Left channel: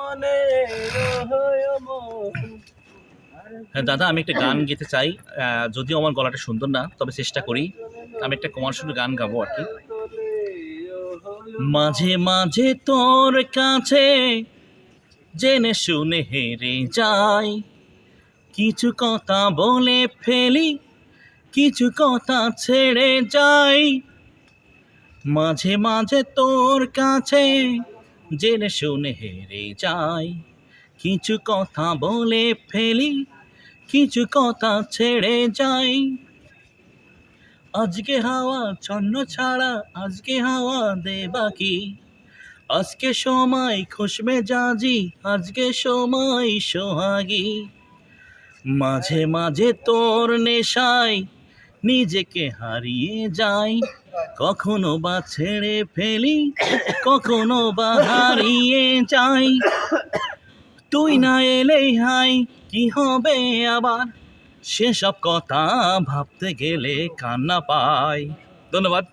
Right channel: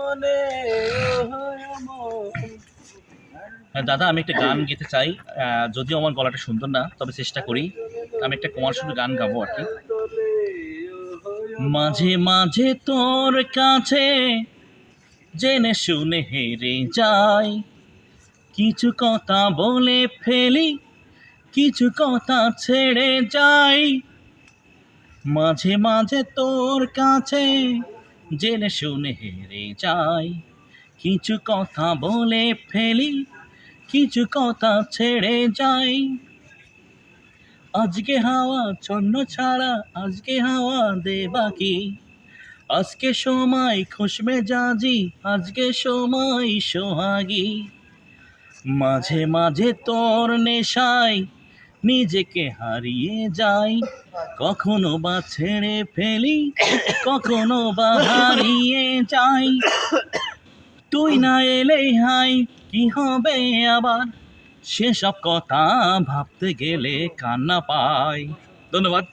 মনে মন। হ্যাঁ দাদা, আমি একটা গান গেতে চাই। যদিও আমার গলাটা সুন্দর না, তবে চেষ্টা করি। আমি একটা কমার্শিয়াল গান গাবো আর কি। মাঝে মাঝে তোর কাছে জেনে শুনে হেরে যাই, কিছু কথা বলে ফেলি, কিছু কথা ছেড়ে যাই। মাঝে মাঝে তোর কাছে জেনে শুনে হেরে যাই, কিছু কথা বলে ফেলি, কিছু কথা ছেড়ে যাই। আজকে হাওয়া ছন্ন ছাড়া, আজকে হাওয়া দে বাকি, আজকে সময় খুশ মেজাজি, আজকে সময় সোহাগী। মাঝে মাঝে তোর নেশায় নিজেকে হারিয়ে যাই, কখনো বা ছেড়ে ফেলি, কখনো বা হারিয়ে যাই। তুই না এলে হাই কি হবে আবার, সেসব কথা ভাবতে গেলে কান্না পায়। ধন্যবাদ।